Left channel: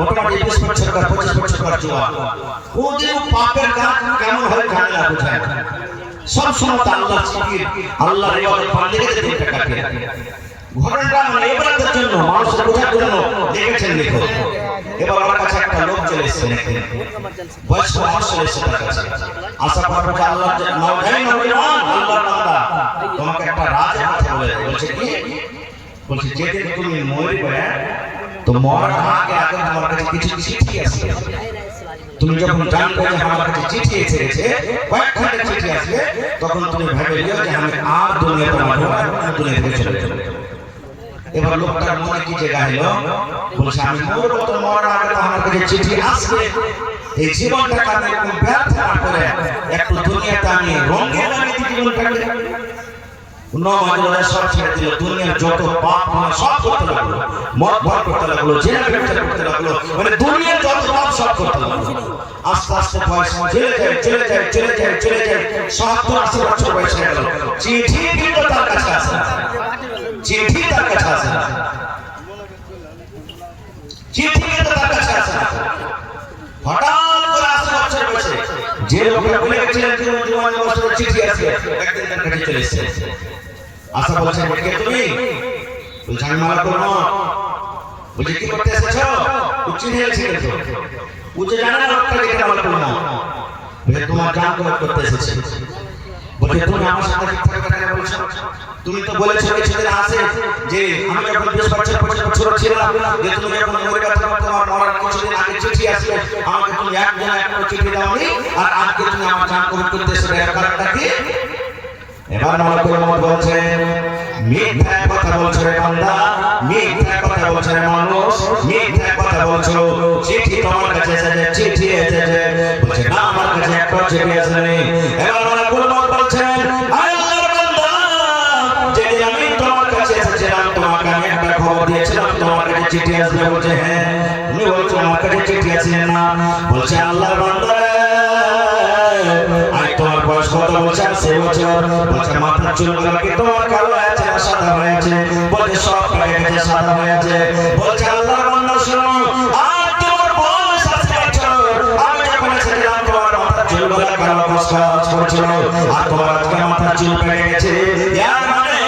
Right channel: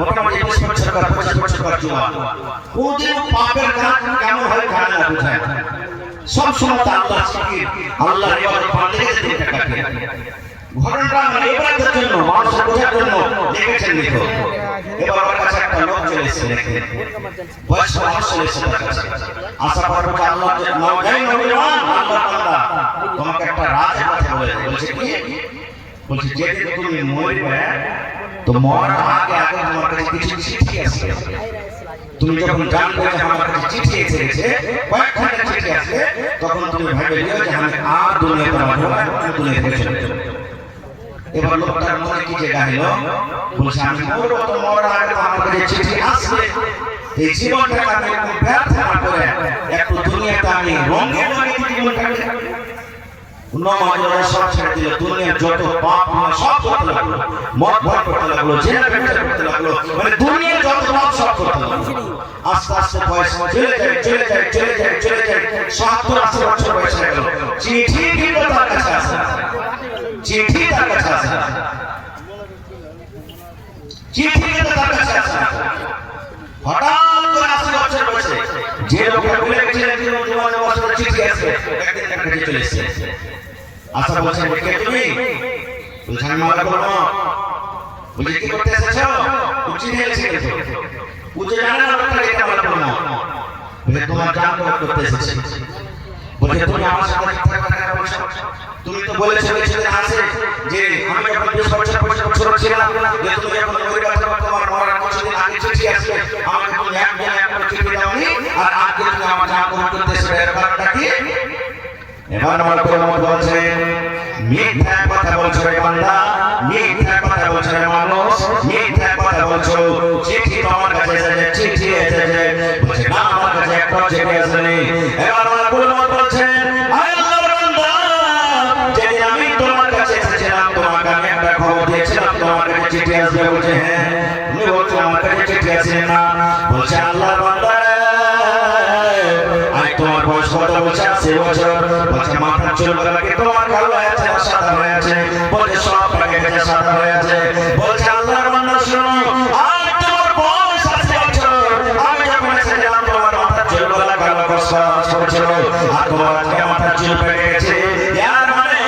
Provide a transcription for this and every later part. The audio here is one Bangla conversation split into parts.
মোটামুটি 20 বছর বা 25 বছর পর জোয়ান ওদের পাপের কাজ কেমন হয় জানে না বুঝায় সব সময় আল্লাহ জিকির আল্লাহ ইবাদত বান্দেগি দিতে থাকে ঘটনাটা মানে ইবাদতের জন্য মানুষের বোঝার জন্য দেখেছেন দেখো এবার আমার কাছে একটা লোক চলে এসেছে নাকি বয়স্ক মানুষ চলে এসেছে তার কাছে আসার পর বলে আল্লাহ নওয়াজাই নবীর আল্লাহ তাআলা তোমাকে একটা রাজ আছে বলছে কি বলছে যেদিন তুমি মরবে তো মরার আগে আগে তোমার কাছে কিছু চিঠি আছে তুমি যখন জানবে যে আমার কাছে চিঠি এসেছে কয়েকখানা চিঠি আছে তখন তুমি ভেবে নিও যে আমি আর দুনিয়াতে আমার দুনিয়া থেকে চলে যাব এবার লোকটার মনে কি জায়গা হলো বলছে আমি মরব তো মরার আগে আমার কাছে চিঠি আছে এই জীবনটাকে আমি একটু ব্যর্থ না করে একটু দুনিয়াতে আমি রঙে রঙে জীবনটাকে নমাজের সব ছেড়ে দিল দুনিয়ার যত পাপ সব করতে লাগলো মদ ভাগ করতে লাগলো জেনা ব্যবসা করতে লাগলো মানে দুনিয়ার যত পাপ সব করতে লাগলো আস্তে আস্তে বয়স চলে যায় 70-80 বছর বয়স হয়ে গেল চিঠি কিন্তু তার কাছে আছে চিঠি তার কাছে আছে চিঠি কিন্তু তার কাছে আছে হঠাৎ করে 80 বছর বয়সে যে লোকটা বলে গেছিলেন যে নমাজের চিঠি আছে একদিন তার কাছে চলে এসেছে আশা বলছে কে তুমি বলছে আমি মালা করবো বলছে কি করতে এসেছো উঠি দিয়েছি বুঝে জানা না আপনারা এটা মালা করবো বলে তোমার কাম করতে এসেছে বলছে তুমি আমার সাথে মিথ্যা কথা বলছো তুমি তো বলেছো যে ছেলে আছে যে আমি যখন 20 বছর ছিলাম যে তুমি যখন ওই কথা বলতে আমার কিছুদিন আগে চিঠি আসবে আমাকে তুমি একদিন একটা চিঠি দাওনি আর আজকে তুমি আমার নাম করতে এসেছো এর কারণটা কি এবার মালাকুল মত বলছে মিথ্যা কথা বলছো রে বান্দা মিথ্যা কথা বলছো রে মানুষ মিথ্যা কথা বলছো চিঠি তো আমার কাছে এসেছে চিঠি এসেছে বলছে না আমার কাছে একটা চিঠি আসেনি এবার মালাকুল মত বলছে হায় আল্লাহর বান্দা যেদিন আমি তোমার কাছে এসেছিলাম তোমাকে আমি একটা খবর দিয়েছিলাম তোমার কাছে চিঠি আসবে বলছে হ্যাঁ তুমি বলছো আমার কাছে চিঠি আসে না বলছে আল্লাহর বান্দা তোমার বয়স কত বছর 80 বছর বলছে মাথা চুলগুলো কি তোমার কালো আছে না সাদা হয়ে আছে বলছে সব লাগে গেছে সাদা হয়ে আছে বলছে আল্লাহর বান্দা শুনো আজ তোমার বয়স 80 বছর আমি যখন এসেছিলাম তোমার মাথা চুলগুলো কালো ছিল আর তোমার আজকে মাথা চুল পেকে গেছে ইয়ার মানে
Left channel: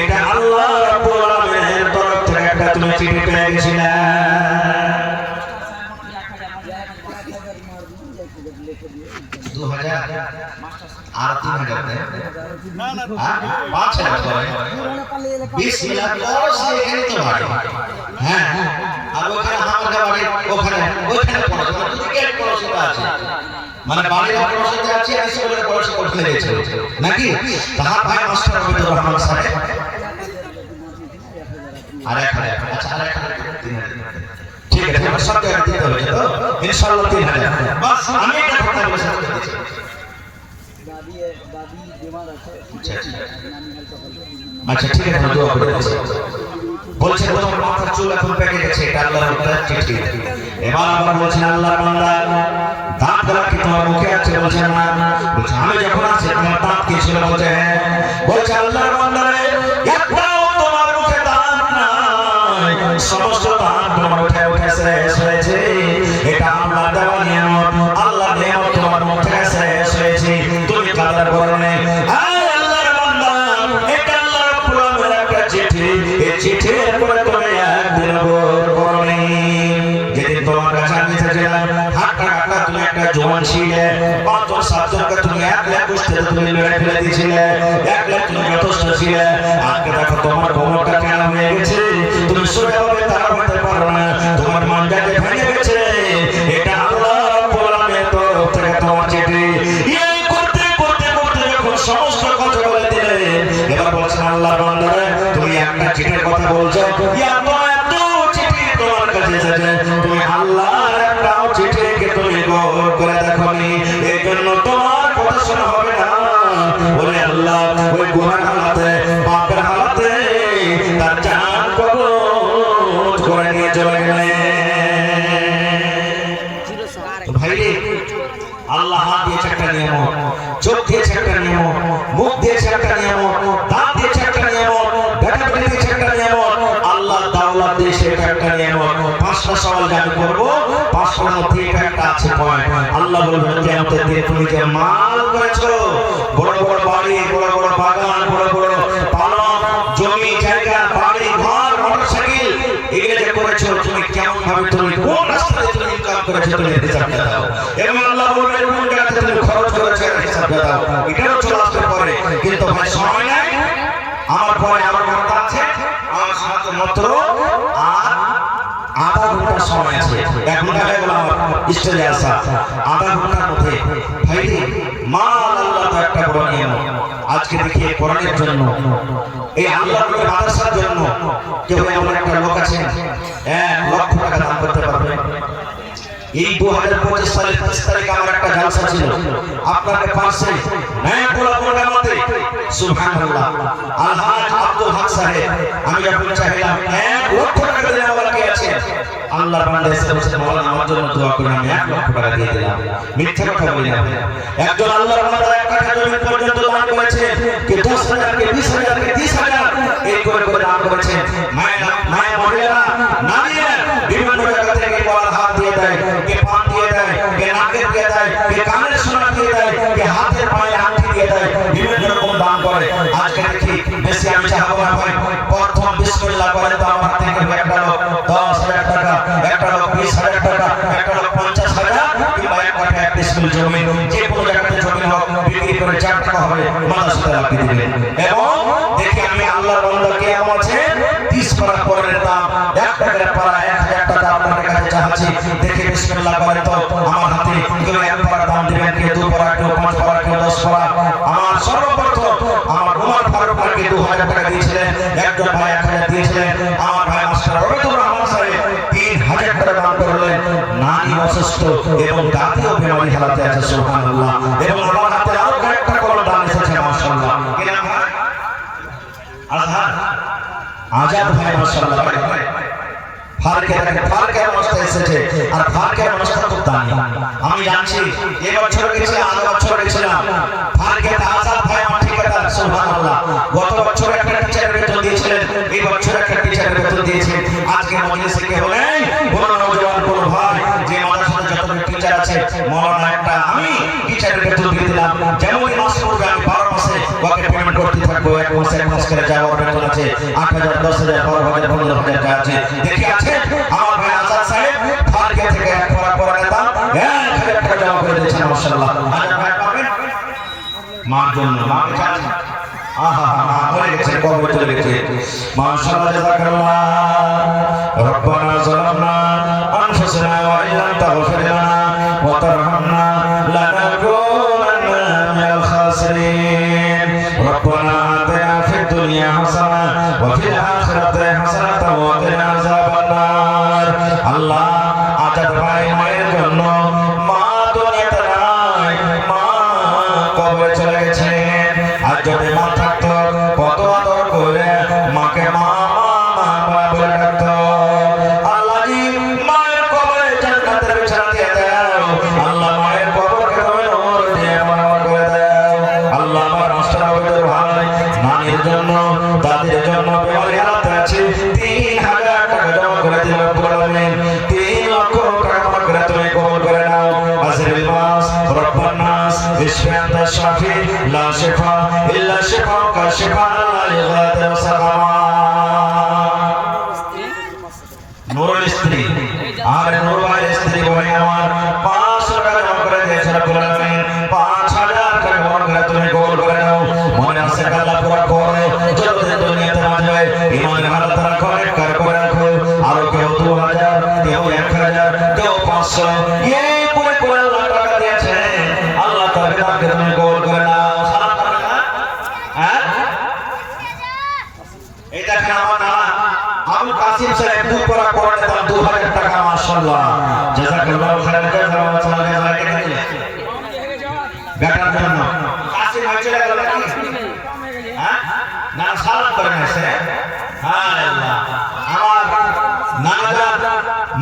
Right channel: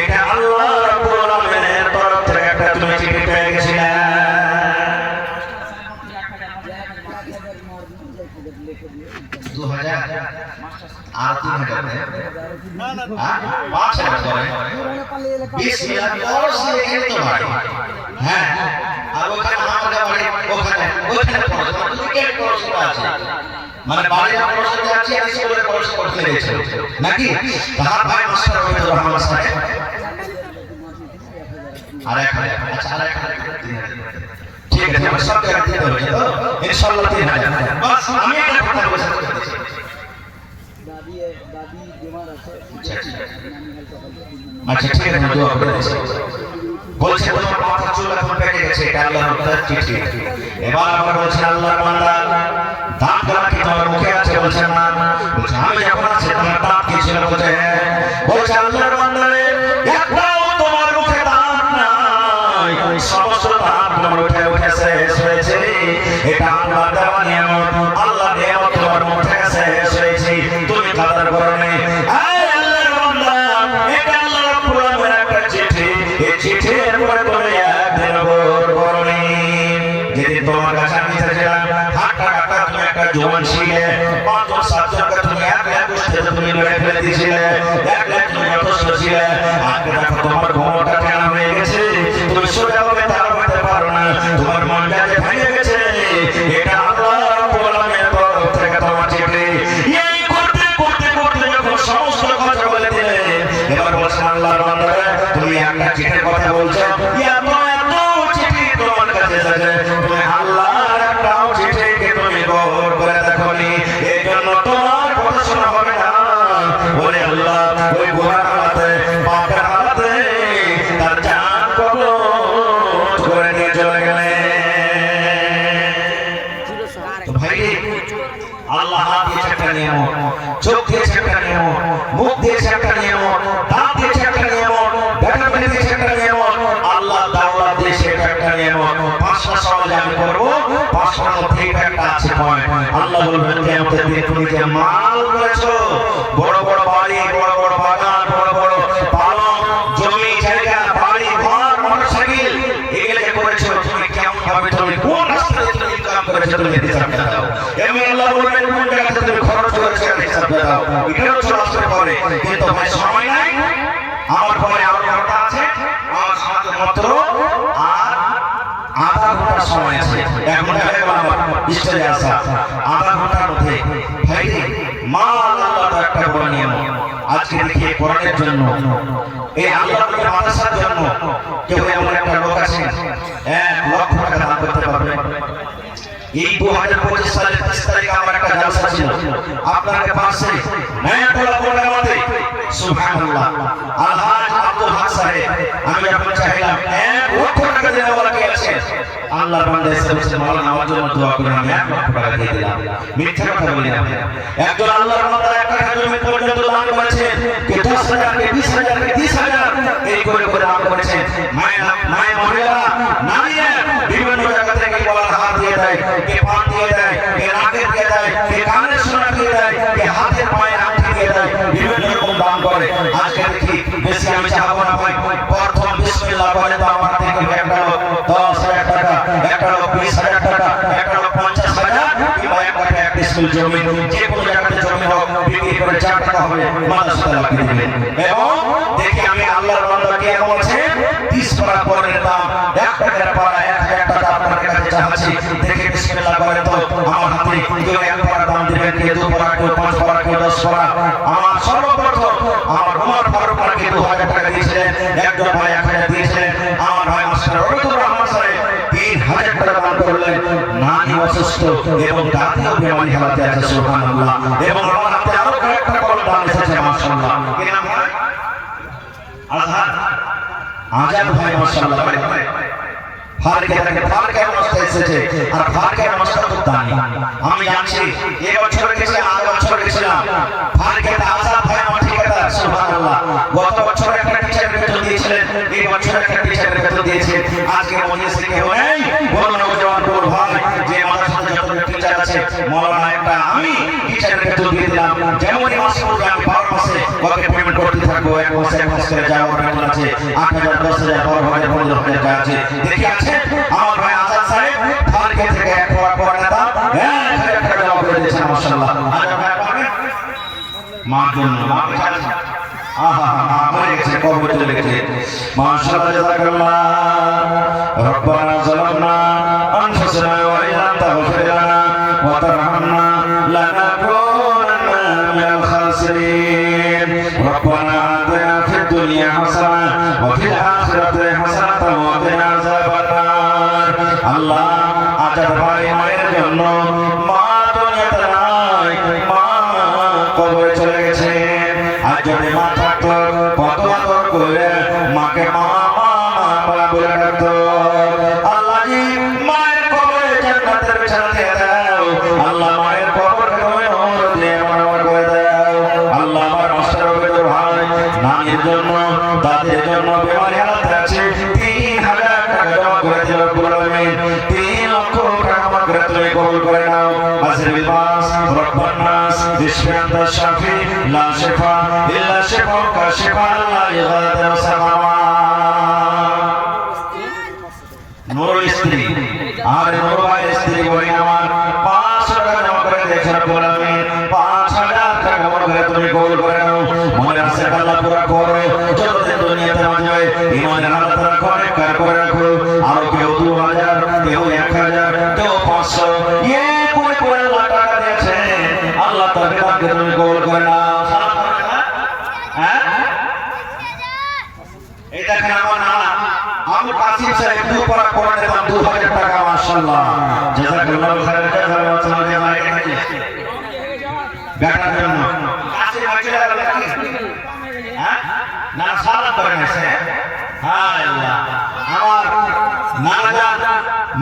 এটা আল্লাহ রাব্বুল আলামিনের তরফ থেকে একটা তুমি চিঠি পেয়ে গেছিলে মানে বাড়ির পড়াশোনা আছে আর স্কুলের পড়াশোনা করতে গেছিল নাকি তার ভাই মাস্টার আহমেদুর রহমান সাহেব ঠিক আছে আমার সব টাকা দিতে হবে তো ইনশাআল্লাহ 3000 বাস আমি একটা কথা বলছি দাদি বিমার আছে আচ্ছা ঠিক আছে দোয়া করে দিচ্ছি বলছে তোমার মাথা চুল এখন পেকে গেছে এটা আল্লাহর তাআলার চিঠি এবার আবার বলছেন আল্লাহর বান্দা দাঁত কি তোমার মুখে আছে বলছেন না বলছে আমি যখন আছে তোমার দাঁত কি ছিল বলছে বলছে আল্লাহর বান্দা রে একটাও তোমার মুখে দাঁত নাই সমস্ত দাঁত তোমার উঠে শেষ হয়েছে এটা আল্লাহর দেওয়া নিয়ামত আল্লাহর নিয়ামত তোমার মুখে শেষ হয়েছে তুমি কাদার করনে আল্লাহর বান্দা এটা আল্লাহর রাব্বুল আলামিনের একটা চিঠি এই চিঠির পরে তুমি একদিন করনি যেদিন তোমার কাছে আমি এসেছিলাম হাঁটা কাটা তুমি একটা জওয়ান ছিলে 5-7 টাকা তুমি এক উঠতে তুমি লড়ে ফেলে দিয়েছিলে এক তুমি অসুস্থ ছিলে আগে দেখো তোমার ঘুমটা কেন হয়ে গেছে তুমি সোজা ভাবে দাঁড়াতে পারো না তোমার মনটা ভেঙে গেছে এটা আল্লাহ রাব্বুল আলামিনের তরফ থেকে তোমার চিঠি এই করতে করতে করতে যখন সমস্ত কথা বলে দিলে এবার বলছেন আল্লাহর বান্দা তুমি একটা চিঠির কথা বলছো এত চিঠি তোমার কাছে এসেছে তুমি আল্লাহর একটা চিঠিকে তুমি গৌর করে দেখোনি এই জন্য তোমার কথা শোনা হবে না ওরে আল্লাহ ওই গুনাহ হালাতে পাপের হালাতে তার জান কবজ করে নিয়ে চলে গেলে ভাই আল্লাহ হাত দিয়েছে একটা নিয়ামত চোখ দিয়েছে একটা নিয়ামত মুখ দিয়েছে একটা নিয়ামত দাঁত দিয়েছে একটা নিয়ামত বেটা দিয়েছে একটা নিয়ামত আল্লাহ দাওলাত দিয়েছে একটা নিয়ে নেব 5টা সওয়াল আমি করব 5টার মধ্যে একটা আছে পয়েন্ট আল্লাহ বলবেন কিয়ামতের দিনে তুমি যে মাল করেছো বড় বড় বাড়ি বড় বড় বাগান বড় বড় পালক জমি জায়গা বাড়ি ঘর মোটরসাইকেল এগুলো যে করেছো তুমি কেমন ভাবে তুমি কোন রাস্তায় তুমি ইনকাম করেছো তুমি হিসাব দাও এবং আল্লাহ বলবেন কোন জায়গাতে তুমি খরচ করেছো হিসাব দাও এটাও চলে আসবে পরে কিন্তু তোমার সময় নাই আমার পরে আমার কথা আছে আমার সাথে মাত্র আর আধা ঘন্টা সময় আছে 1 ঘন্টা হয়ে গেল আমার স্টেজে আসা আধা ঘন্টার মধ্যে ভাই মাল আল্লাহ একটা বড় নিয়ম আজকে দেখি কোরআনের জন্য এই আল্লাহর নবীর মাদ্রাসার জন্য কেউ এমন একটা লোক আছেন 1 লক্ষ টাকা দান করতে পারবে এই 2025 সালের 30 তারিখে আমার একটা জলসা ছিল আপনাদের পাশে নয়াটোলা মোটামুটি সুবহানাল্লাহ আলহাজ আব্দুল হক সাহেব আমি যখন চাইলাম 1 লক্ষ টাকা দেওয়ার বলা কে আছে আল্লাহর বান্দা এসে বসে মাওলানা আমার জন্য দোয়া করুন আমি 1 লক্ষ টাকা দিয়ে দিলাম মিথ্যা কথা বলি না একজন আল্লাহর বান্দা 1 টাকা জমি পর্যন্ত দান করেছে কে 10,000 কে 20,000 কে 30,000 এই করে করে দান করেছে মায়া মহিলারা নারীরা বিভিন্ন জায়গা থেকে মাওলানা হাত দিয়ে দেয় কে পান দিয়ে দেয় কে নাকে দিয়ে দেয় কে কানে সোনা দিয়ে দেয় কে হাতের মায়ের আংটি দিয়ে দেয় বিভিন্ন রকম দান করে আজকে দেখি বেশি আমি চাহাবো না ভাই প্রথম বিসমিল্লাহ বলে তো আমার থেকে একটা লোক 10,000 টাকা একটা লোক 20,000 টাকা একটা লোক 50,000 কিংবা এক টাকা এক স্কুল জমি যে কোনো জায়গাতে জমি হোক বিক্রি করে 4 টাকা হবে মাদ্রাসাতে লাগিয়ে দিবেন এবং দেখি আমি আল্লাহর বান্দাকে এমন আছে 30 টাকা পরের দাম 1 টাকার পড়া 1,000 টাকা আপনার কাছে চাচ্ছি দেখে বিসমিল্লাহ বলে তো আমার হাতে কেউ 1 টাকার দাম দিবেন কেউ 2 টাকা কেউ 5 টাকা কেউ 10 টাকা আমার সর্বপ্রথম আমার উমর ফারুক নাকি 2000 টাকা দিয়েছিলেন একজন ভাই 1000 দিয়েছিলেন আমার ভাই মাস্টার রবিউর রহমান সাহেব 3000 টাকা দান করলেন নারী অসুস্থ এবং জাতীয় বিমানী হাতে আছে সুবহানাল্লাহ এবং আমার হাতে আরো একটা কলম দান এসেছে মাশাআল্লাহ কি নাম ভাই আজহার আজাদ ভাই মাশাআল্লাহ ভাই ফারকে অবস্থা এসেছে আর ফারকে অবস্থা করতে আমি জানছি এই বছর গেছে আগের বছর গেছিলাম ফারকে আজাদ ভাই আমার ঠিক আছে সুবহানাল্লাহ গত বছর একটা টিচারের বেতন দিয়েছিলেন এই বছর একটা টিচারের বেতন দিয়েছে আজকে মজলিসে কেউ নেই বড় নওজওয়ান বড় ভাই যে মাদ্রাসাতে যত টিচার আছে মাওলানা একটা আমি টিচারের বেতন দিয়ে দিলাম জানুয়ারি মাসে পড়বে আমি 12 মাসে ওকে পেমেন্ট করতে থাকবো এক মাসে করে যায় ওর বেতন আছে 8,000 10,000 12,000 15,000 টাকা আছে দেখি আছে আমার ভাই আজাদ সাহেব ফারকে থেকে এক পর নেতা 1,000 টাকা জমা করে দিয়েছেন মাশাআল্লাহ আজ ভাই পাবেন মা জন্য মাশাআল্লাহ জাযাকাল্লাহ রব্বানা যালামনা আনফুসানা ওয়া ইল্লাম তাগফির লানা ওয়া তারহামনা লানাকুনান্না মিনাল খাসিরিন রব্বানা আতিনা ফিদ দুনিয়া হাসানাহ ওয়া ফিল আখিরাতি হাসানাতাও ওয়া কিনা আযাবান নার আল্লাহ আজাদ ভাই মায়ের জন্য মা দুনিয়াতে নাই মা কবরে চলে গেছে যদি মা থাকতো কত আদর করে মাকে মা বলে ডাকতো আল্লাহ মায়ের কবরে জান্নাতের বিছানা দিয়ে দাও আল্লাহ মায়ের কবরকে তুমি নূর দিয়ে আমার করে দাও আল্লাহ আমার মাস্টার ওদের ভাই নানির জন্য দাদির জন্য বিমারি হালাতে আছে 3,000 টাকা জমা করে দিল রব্বুল আলামিন 3 লক্ষ টাকা জমা করে তুমি কবুল করে নাও আসিরুল মাস রব্বান নাস ইসমিয়াত শাফি লা শিফা ইল্লা শিফাউকা শিফাআন লা ইগাদিরু সাকামা নূর স্ত্রী আর নূর ভাইয়ের স্ত্রী বলেন আমার 500 টাকা জমা করে দিয়েছেন রব্বুল আলামিন 5,000 টাকা জমা করে তুমি কবুল করে নাও মনের আশা আল্লাহ পুরা করো যতদিন দুনিয়াতে বাঁচবে ইমানের আল্লাহ পুরা করে রাখো আর কেউ 2,000 কেউ 1,000 কেউ 500 এই করে টাকা দিয়েছে আল্লাহ তাআলাকে তাকে তুমি কবুল করে নাও হ্যাঁ এই দেখেন আমার নানা আবু কাসিম সাহেব দু পারা কোরআন দিলাম 2,000 টাকা মাশাআল্লাহ জাযাকাল্লাহু খাইরান জাযাকাল্লাহু খাইরান বেটার জন্য কাসিম মাইকে লাগা হ্যাঁ না সারা করে নেছে হায় আল্লাহ আমার নানাজান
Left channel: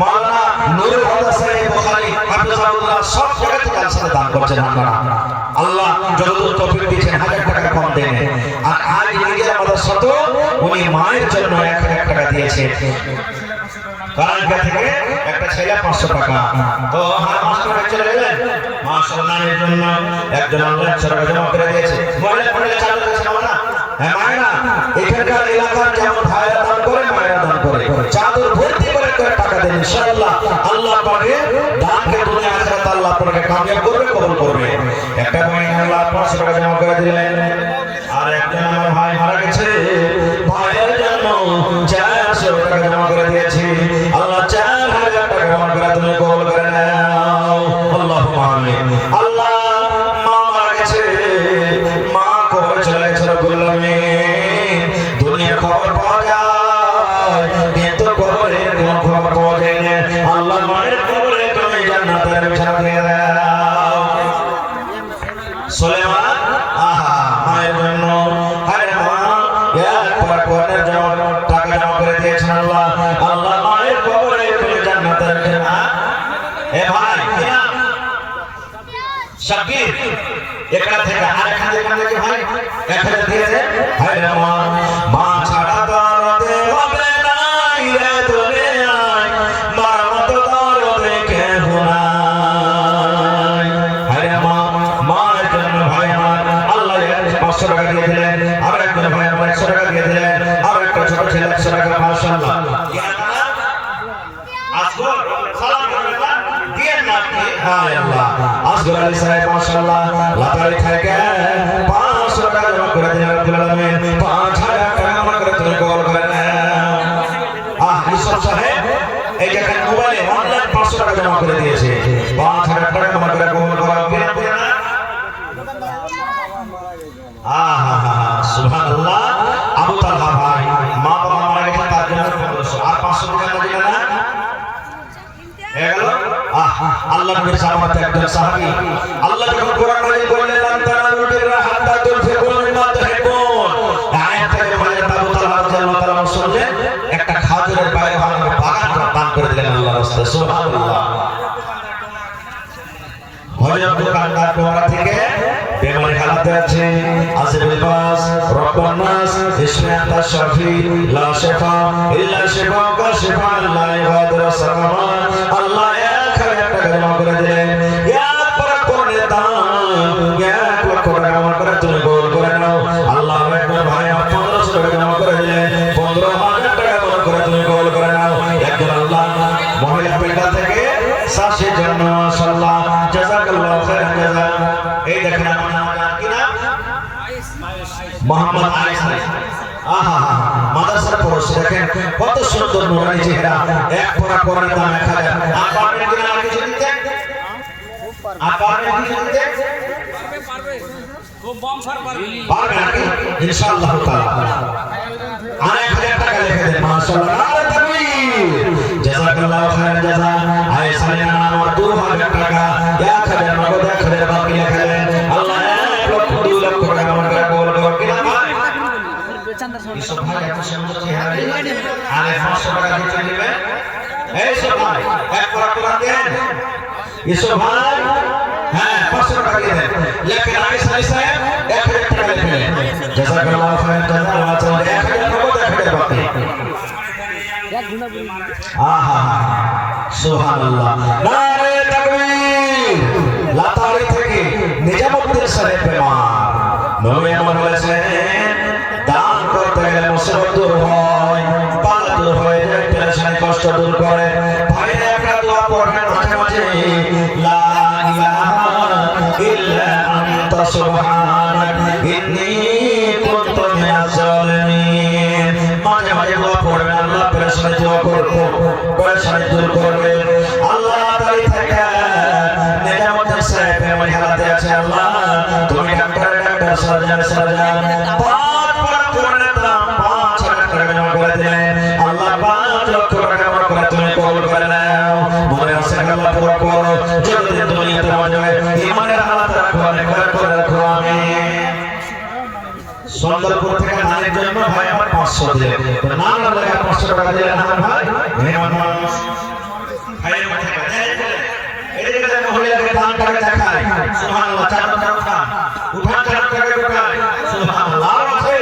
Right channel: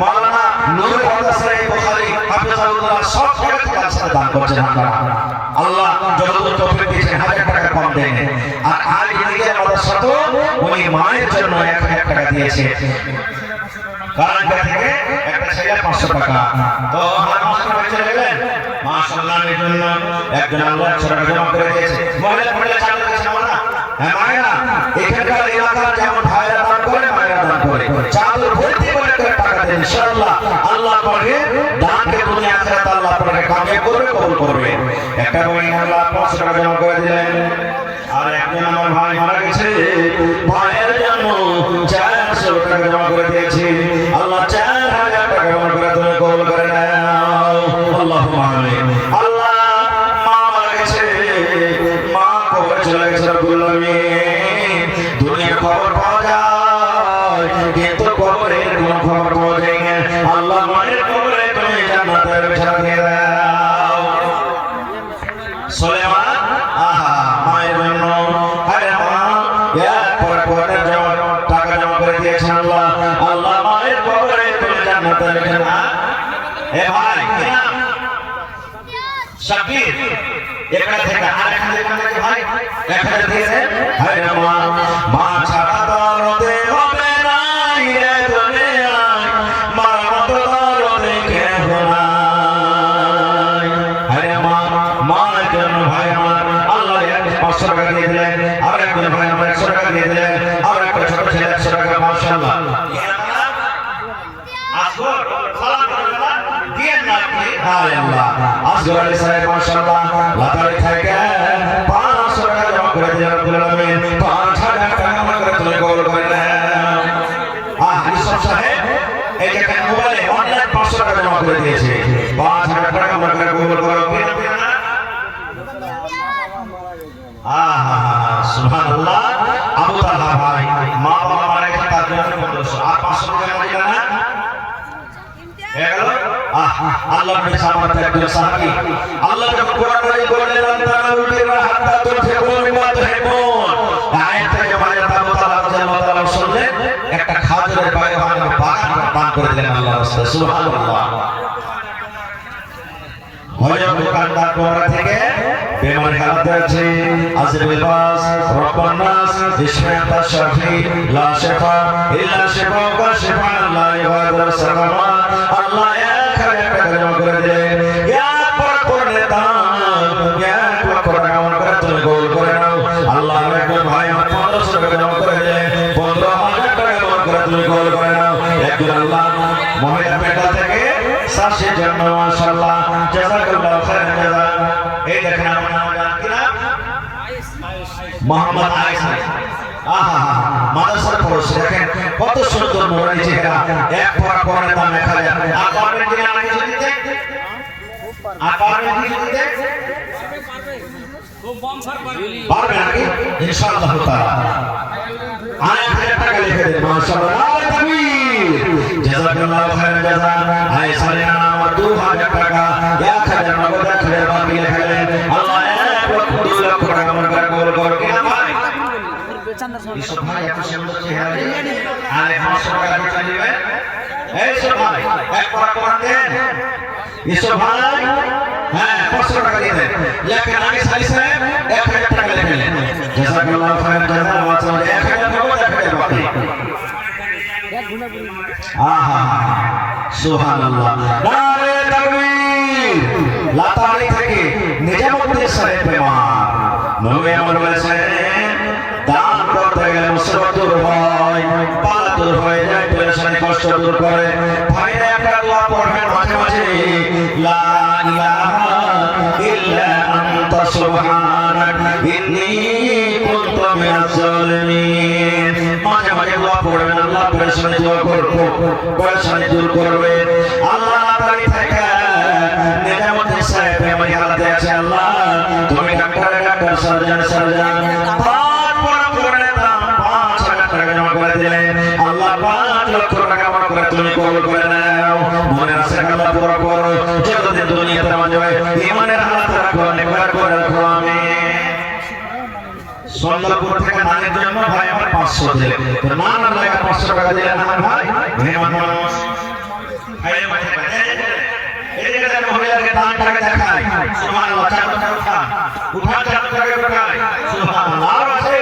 মাওলানা নূর আল্লাহ সাহেব বুখারী হাফিজাহুল্লাহ সব জায়গা থেকে আসলে দান করছেন আল্লাহ যতদূর তৌফিক দিয়েছেন 1,000 টাকা কম দেন আর আজ নিজের আমাদের সাথে ওই মায়ের জন্য 1,000 টাকা দিয়েছে কারাঙ্গা থেকে একটা ছেলে 500 টাকা তো আমরা 500 টাকা চলে গেলেন মাশাআল্লাহ এর জন্য একজন আল্লাহ ছাড়া জমা করে দিয়েছে মহিলা মহিলা চাল দিয়েছে আমরা হ্যাঁ মায়েরা এখানকার এলাকার যেমন ভাইরা দান করে মায়েরা দান করে চাল ভর্তি করে টাকা দেন ইনশাআল্লাহ আল্লাহ পাকে দানকে দুনিয়া আখিরাতে আল্লাহ পাকে কামিয়াব করবে কবুল করবে একটা মহিলা 500 টাকা জমা করে দিলেন আর একজন আমার ভাই মারা গেছে ভাইয়ের জন্য 400 টাকা জমা করে দিয়েছি আল্লাহ 4000 টাকা জমা করে তুমি কবুল করে নাও আল্লাহুম্মা আমিন আল্লাহ মা মারা গেছে মা কবরে চলে গেছে রব্বুল আমিন দুনিয়ার খবর পাওয়া যায় কিন্তু কবরের কোনো খবর পাওয়া যায় না আল্লাহ মায়ের কবরে তুমি জান্নাতের বিছানা দিয়ে দাও সুলাইমান মায়ের জন্য টাকা জমা করে দিয়েছেন আল্লাহ আল্লাহ মায়ের কবরে তুমি জান্নাতের বিছানা এ ভাই শাকির এখানে থেকে আরেকটা দেখলাম নাকি ভাই একটা দিয়েছে ভাই মা মা ছাড়া দরদে হবে না রে দুনিয়ায় মার মতো দরদে কেউ নাই ভাই মা মায়ের জন্য ভাই আমার আল্লাহ 500 টাকা দিয়ে দিলেন আর একজন ভাই আমার 100 টাকা দিয়ে দিলেন আর একটা ছোট ছেলে 100 টাকা মাশাআল্লাহ আসগর সালাম দিয়ে না হায় আল্লাহ আসগর আলী সাহেব মাশাআল্লাহ লাতারি থেকে 500 টাকা জমা করে দিলেন রব্বুল আলামিন 5000 টাকা মনে করে তুমি কবুল করে নাও ইসব সাহেব এই যে মোবাইলে অনলাইন 500 টাকা জমা করে দিয়েছে 5000 টাকা মনে করে কবুল করো না সুবহানাল্লাহ আবু তালহা ভাই মা বাবা মারা গেছে তার জন্য 500 আর 500 টাকা লাগে না এগুলো আল্লাহ নবী সালামাতে একজন সাহাবী আল্লাহ যখন কোরআন নাযিল করলেন তাআলা বলেন হাত্তা তুফিকু মিম্মা তুহিব্বুন আয়াতটা যখন আল্লাহ তাআলা রাদিয়াল্লাহু তাআলা শুনলেন একটা খাজুরের বাগান দান করে দিলেন আল্লাহ রাসূল সুবহানাল্লাহ মজার কান্না কোরআন থেকে বেমানি হালাতে আছে আসিরুল বাস রব্বুন নাস ইসমে আতা শাফি লা শিফা ইল্লা শিফাউকা শিফা লা ইউগাদিরু সাকামা আল্লাহ এক টাকা জমা করে দিলেন এক করে দাও এক টাকা মনে করে তুমি গোল করে নাও আল্লাহ একজন ভাই আমার 1500 টাকা জমা করে দিলেন 15000 টাকা মনে করে তুমি গোল করে নাও একজন আল্লাহ মহিলা পেটা থেকে 60 জন মাশাআল্লাহ জাযাকাল্লাহু খাইরান জাযা এই দেখেন আমার নাম কি না মোহাম্মদ আয়েশা মাদ্রাসার পড়ছে দেখেন কত সুন্দর মোরাই চেহারা এক পড়া পড়ার দামে খাজা আকবরের দিকে নাম কিছু দিতে আকবরের দিকে দিতে পারবে খুব বম স্যার পারবে নাকি ইনশাআল্লাহ তাআলা 1000 টাকা লিখে দেন মাশাআল্লাহ নারে তাকবীর জাযাকাল্লাহু খাইরান জাযা আয়েশা এর নাম 2000 টাকা 1000 নগদ 1000 বাকি লিখে দেন আল্লাহ 1 লক্ষ টাকা মনে করে কবুল করবে কিনা ভাই ইসব ভাই এত সুন্দর চেহারা আরে 500 টাকা দিতে দিবে এই সব ভাই এক পড়া দেন ইসব ভাই হ্যাঁ 500 টাকা দিয়ে দেন লেখেন আগে সালি সাহেব 1000 টাকা লেখেন জাযাকাল্লাহু খাইরান জাযা মাত্র 1000 নগদ 1000 বাকি সুবহানাল্লাহ নারে তাকবীর লাতারি থেকে নিজের মধ্যে সাহেব প্রেমা নবী আমার বলেছেন দান করতে গেলে মুসিবত দূর হয় পালা দূর হয়ে যায় পেরেশানি কষ্ট দূর করে ভাইরা একটা দোয়া পড়বেন মাঝে মাঝে লা ইলাহা ইল্লা আনতা সুবহানাক ইন্নী কুনতু মিনাজ জালিমিন মাঝে মাঝে দোয়া পড়বেন আল্লাহ পেরেশানি দূর করবে পেরেশানি দূর করবে আল্লাহ লাতারি থেকে নিজের মধ্যে সাহেব আমার হালাতে আছে আল্লাহ তুমি ডাক্তার সার্জন জমা করে দিলেন আল্লাহ 5 লক্ষ টাকা মনে করে তুমি কবুল করে নাও মনের আশা আল্লাহ পুরো করো যতদিন দুনিয়াতে মাঝে ঈমানের হালাত রাখো নেককার করে রাখো আমিন সুন্দরপুর থেকে নানের জন্য ভাই আমার 500 দিলেন তো নানার লেখা 500 টাকা দিলেন আমার ভাই মেহমান মানুষ ভাই এদিকে দেখো মহিলাকে দান টাকা দেখায় সুবহানাল্লাহ চাদরটা উঠা চাদরটাকে উঠায় সুবহানাল্লাহ আর আছে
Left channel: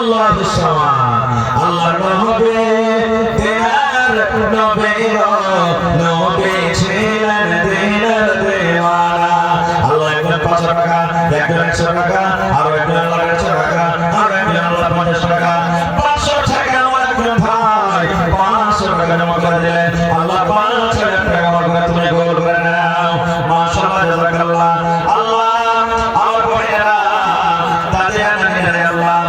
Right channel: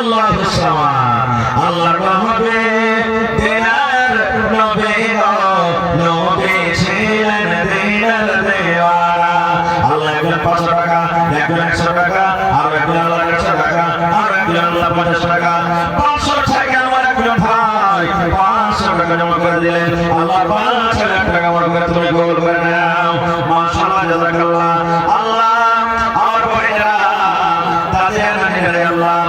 আল্লাহু সামাদ আল্লাহর নামে দিনা নবী গো নবী ছিলেন দিনের দেওয়ানা আল্লাহ একজন 500 টাকা একজন 100 টাকা আর একজন আল্লাহ 100 টাকা আর একজন আল্লাহ 50 টাকা 500 টাকা আমার একজন ভাই 500 টাকা জমা করে দিলেন আল্লাহ 5000 টাকা আমার করে তুমি কবুল করে নাও মাশাআল্লাহ জাযাকাল্লাহ